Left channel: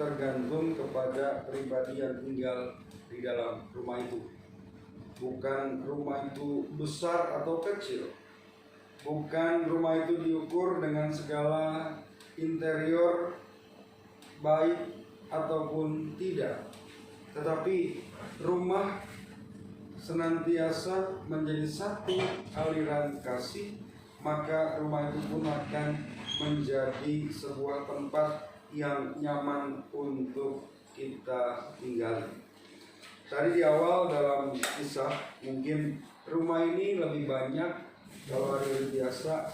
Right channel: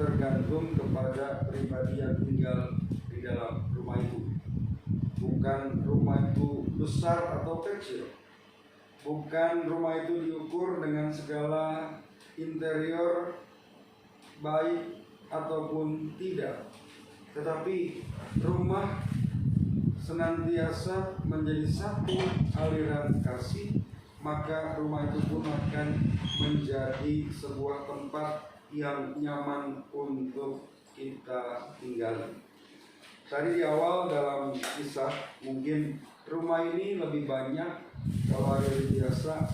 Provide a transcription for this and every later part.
tergantung kepada pribadi yang tinggal di dalam rumah itu. Bukan rumah itu besar atau kecil, bukan rumah itu diukur dengan segala interior baik ataupun tidak, tetapi rumah senantiasa menjadi satu aliran kasih, maka rumah itu pun akan menjadi sebuah tempat yang nyaman untuk kita tinggali. Tadi di awal dalam kisah, mungkin rumah ini lebih banyak kalau hari biasa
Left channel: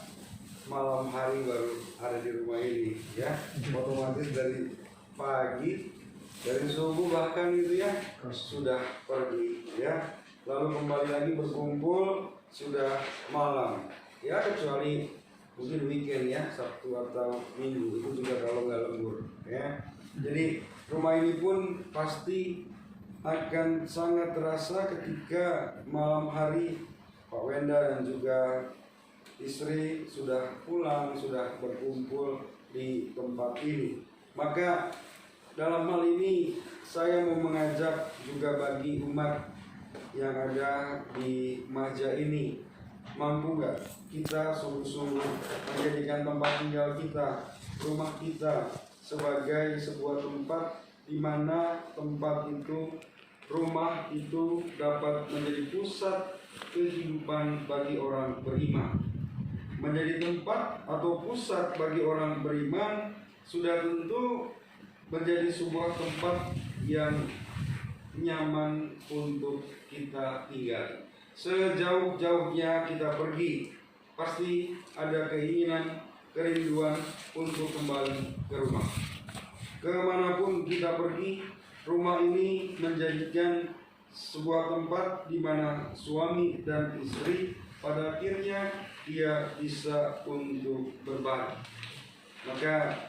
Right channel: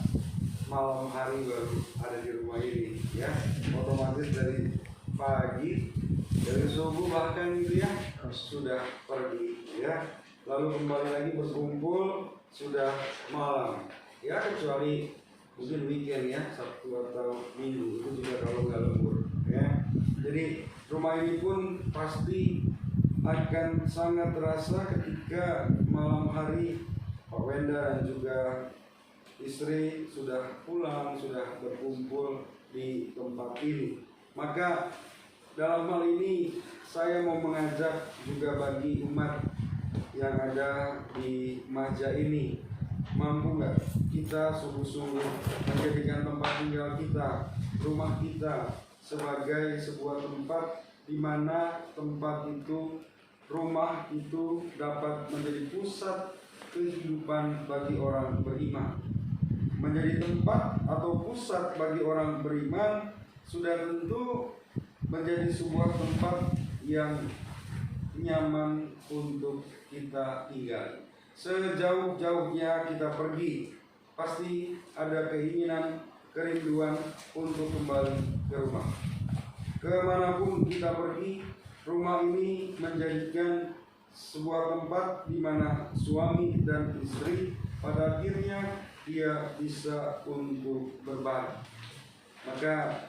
malam hari baru ada di rumah ini, ya. Otomatis dari pagi, dari subuh bahkan itu ya sudah pergi, ya. Lalu kembali lagi berkumpul sudah malam, ya, kecuali mungkin weekend ya, Sabtu atau Minggu, itu juga kalau nggak lembur, ya. Jadi rumah ini pun pasti akan sangat terasa ketika malam hari Pak Wenda dan juga istri sudah pulang, sudah berkumpul di tempat ini. Maka dalam hal ini saya mau mengajak juga bagi umat yang ada di Maja ini, mampu nggak kita sungguh-sungguh menjadikan tempat tinggal kita, rumah kita sebagai sebuah tempat di mana tempat itu, rumah itu dapat menjadi pusat kehidupan bagi orang beriman. Menjadi tempat atau pusat bagi orang beriman sudah tentu menjadi sebuah tempat yang nyaman untuk kita tinggal. Sejauh-jauhnya kita pergi, pasti ada keinginan, kerinduan untuk kembali ke rumah. Kemanapun kita pergi, rumah ini menjadikan sebuah tempat di mana suami dan istri pada akhirnya dia bisa untuk berbagi. Maka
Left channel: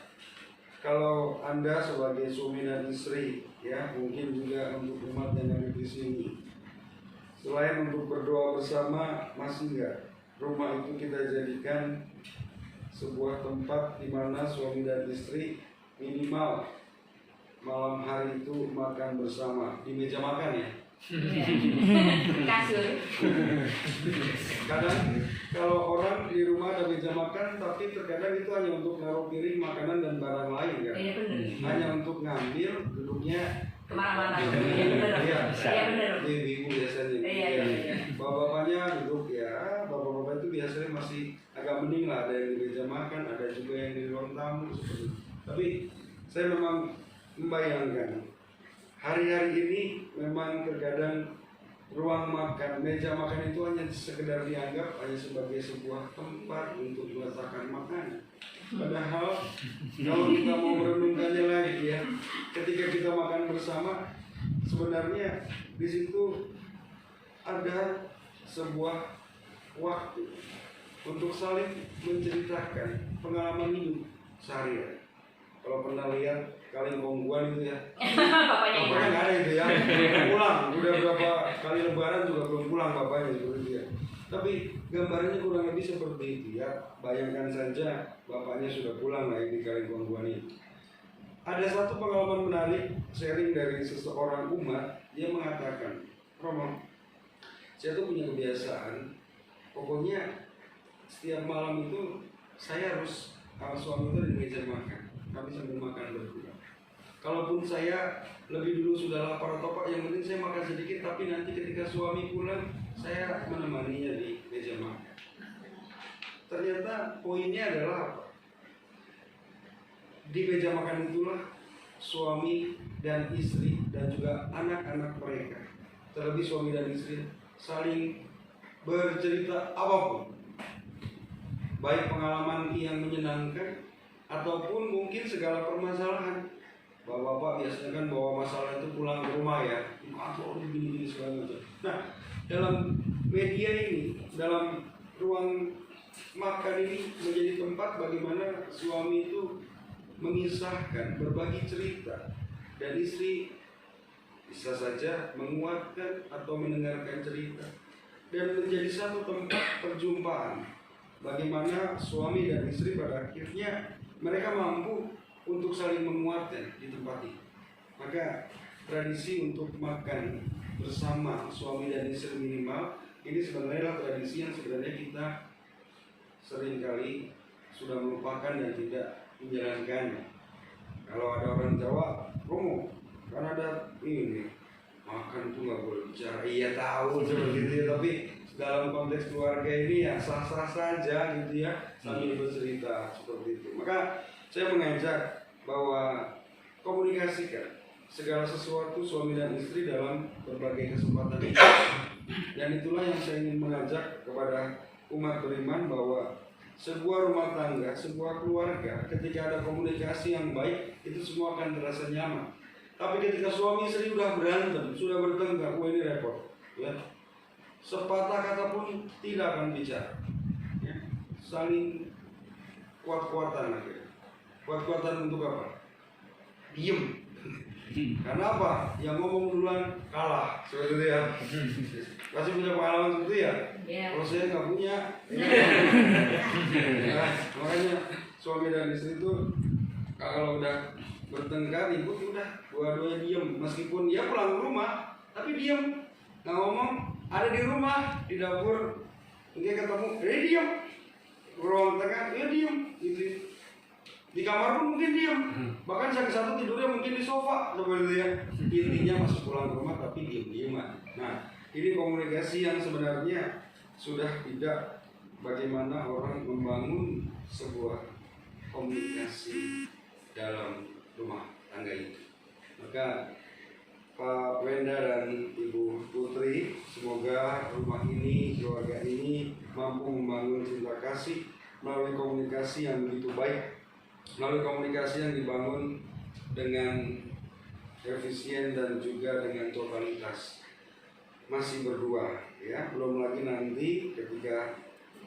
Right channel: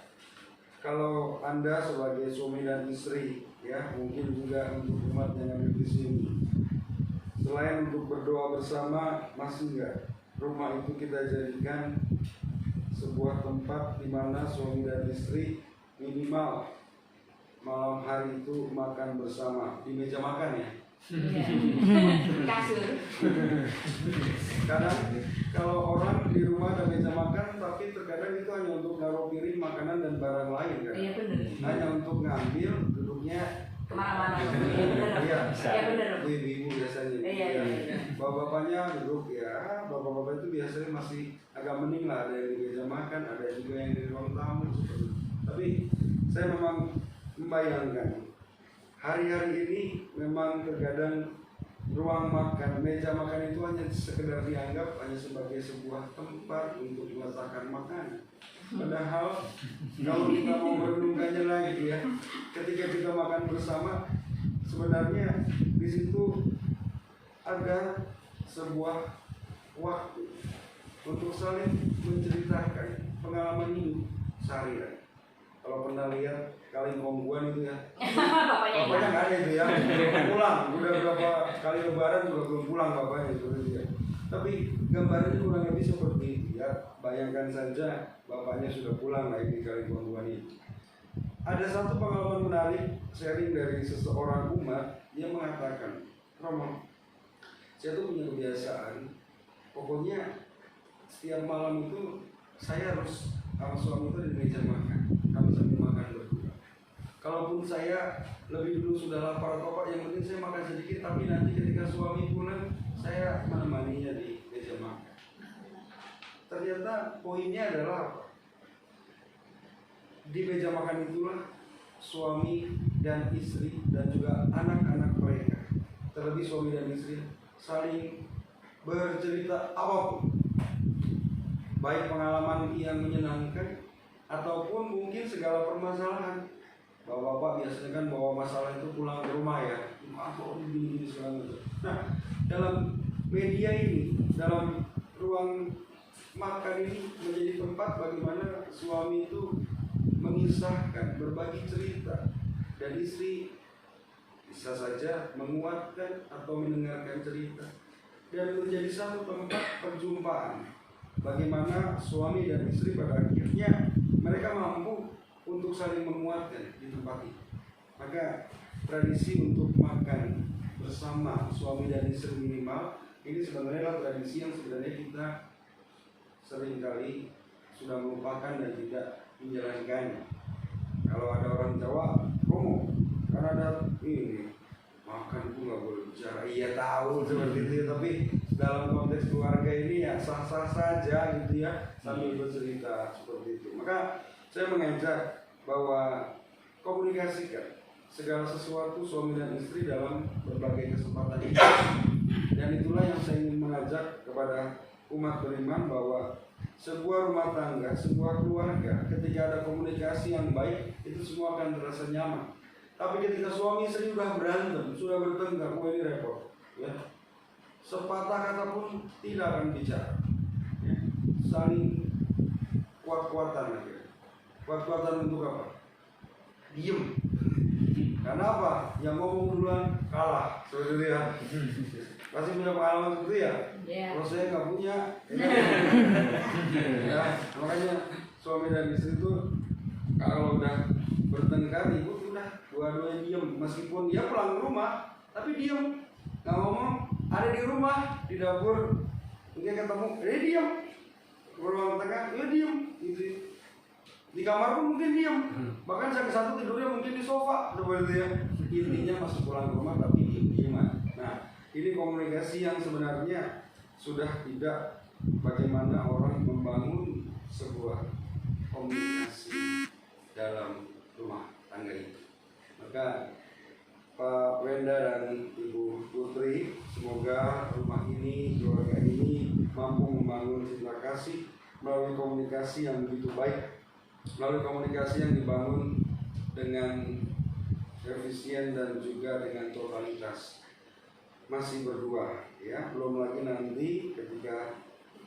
kalau Anda sebagai suami dan istri, ya, mungkin juga untuk umat yang ada di sini, selain untuk berdoa bersama, masih enggak rumah itu kita jadikan sebuah tempat di mana suami dan istri minimal malam hari itu makan bersama di meja makan, ya. Kasur. Kadang kalau orang di rumah ada meja makan, tapi terkadang itu hanya untuk naruh piring makanan dan barang lain, kan? Iya, benar. Hanya untuk ngambil, duduknya Kemana-mana. Iya, Iya, iya, benar. ibu-ibu biasanya. Iya. Bapak-bapaknya duduk, ya. Bapak-bapak itu biasanya masih agak mending lah, ada yang di meja makan, ada juga yang di ruang tamu seperti itu. Tapi saya memang membayangkan hari-hari ini memang terkadang ruang makan, meja makan itu hanya sekedar dianggap hanya sebagai sebuah tempat untuk meletakkan makanan. Padahal kalau kita mau merenungkannya lagi, ya, ketika kita makan bersama, sebenarnya di situ ada sebuah waktu untuk saling menceritakan pengalaman hidup sehari-hari. Kalau pernah lihat Kalingkongguan itu, ya, bapaknya nggak ada itu, ya, belum pulang, udah berapa kali lebaran juga belum pulang bapaknya itu, ya. Tapi gambarnya kurang lebih seperti itu, ya. Bayangkan saja bapaknya sudah pulang lagi di Kalingkongguan itu. Ada satu pengalaman menarik sharing dari seseorang umat, dia mengatakan, Romo, saya tuh punya kebiasaan, pokoknya setiap malam itu saya harus sama suami itu di meja makan, kami sambil makan berdua. Kalaupun saya lebih dulu sudah lapar atau apa, yang penting saya makan sedikit, tapi nanti ketika suami pulang, saya menemaninya di meja makan. Ternyata poinnya adalah apa? Di meja makan itulah suami dan istri dan juga anak-anak mereka, terlebih suami dan istri, saling bercerita apapun, baik pengalaman yang menyenangkan ataupun mungkin segala permasalahan. Bapak-bapak biasanya kan bawa masalah itu pulang ke rumah, ya, aku begini segala macam. Nah, dalam media ini, dalam ruang makan ini menjadi tempat bagaimana suami itu mengisahkan, berbagi cerita, dan istri bisa saja menguatkan atau mendengarkan cerita, dan menjadi satu tempat perjumpaan bagaimana suami dan istri pada akhirnya mereka mampu untuk saling menguatkan di tempat ini. Maka tradisi untuk makan bersama suami dan istri minimal ini sebenarnya adalah tradisi yang sebenarnya kita seringkali sudah melupakan dan tidak menjalankannya. Kalau ada orang Jawa, Romo, kan ada ini makan tuh nggak boleh bicara. Iya tahu seperti itu ya, tapi dalam konteks keluarga ini ya sah-sah saja gitu ya, sambil bercerita seperti itu. Maka saya mengajak bahwa komunikasikan segala sesuatu suami dan istri dalam berbagai kesempatan ini. Dan itulah yang saya ingin mengajak kepada umat beriman bahwa sebuah rumah tangga, sebuah keluarga, ketika ada komunikasi yang baik, itu semua akan terasa nyaman. Tapi ketika suami istri sudah berantem, sudah bertengkar, wah ini repot. Ya. Sepatah kata pun tidak akan bicara. Ya. Saling kuat-kuatan akhirnya. Kuat-kuatan untuk apa? Diem. Karena apa? Yang ngomong duluan kalah. Seperti itu ya. Pasti punya pengalaman seperti itu ya? Yeah. Kalau saya nggak punya, ya, makanya suami dan istri itu kalau udah bertengkar, ibu udah dua-duanya diem. Meskipun dia pulang ke rumah, tapi diem, nggak ngomong. Ada di rumah, di dapur, mungkin ketemu, diem. Ruang tengah, diem. Gitu. Di kamar pun mungkin diem. Bahkan satu tidurnya mungkin di sofa, seperti itu ya. Intinya masih pulang ke rumah tapi diem-dieman. Nah, ini komunikasi yang sebenarnya sudah tidak bagaimana orang membangun sebuah komunikasi dalam rumah tangga itu. Maka Pak Wenda dan Ibu Putri, semoga rumah ini, keluarga ini mampu membangun cinta kasih melalui komunikasi yang begitu baik, melalui komunikasi yang dibangun dengan efisien dan juga dengan totalitas. Masih berdua, ya, belum lagi nanti ketika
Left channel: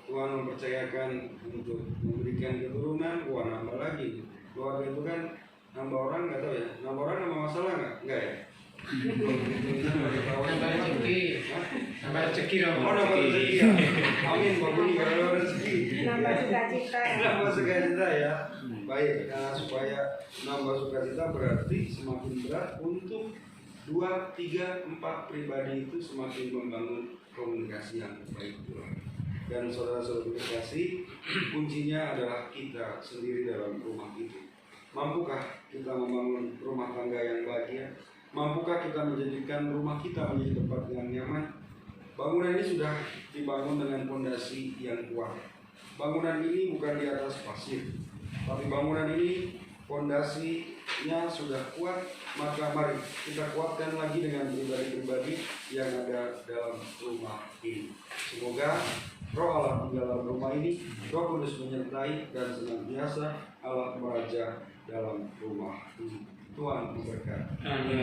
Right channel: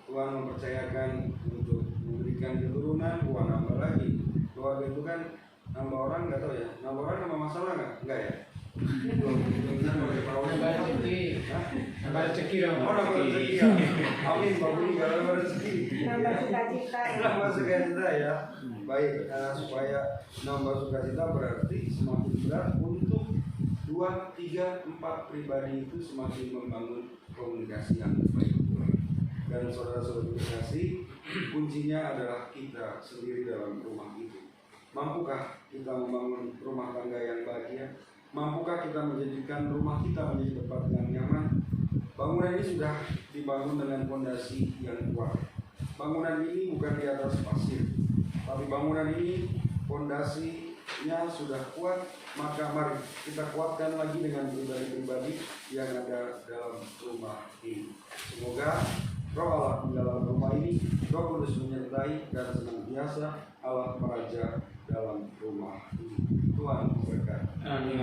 Tuhan mempercayakan untuk memberikan keturunan, wah nambah lagi. Keluarga itu kan nambah orang, nggak tahu ya, nambah orang nambah masalah nggak ya? Nambah rezeki. Nambah rezeki dong. Oh, nambah rezeki ya. Amin, Pak Budi, kalau nambah rezeki. Nambah sukacita. Nambah sukacita ya. Baik, supaya nambah sukacita berarti semakin berat untuk 2, 3, 4 pribadi itu semakin membangun komunikasi yang baik. Dan saudara-saudara komunikasi, kuncinya adalah kita sendiri dalam rumah itu. Mampukah kita membangun rumah tangga yang bahagia? Mampukah kita menjadikan rumah kita menjadi tempat yang nyaman? Bangunan ini sudah dibangun dengan fondasi yang kuat. Bangunan ini bukan di atas pasir, tapi bangunan ini fondasinya sudah kuat. Maka mari kita kuatkan lagi dengan pribadi-pribadi yang ada dalam rumah ini. Semoga Roh Allah di dalam rumah ini, Roh Kudus menyertai dan senantiasa Allah meraja dalam rumah ini. Tuhan memberkati. Amin.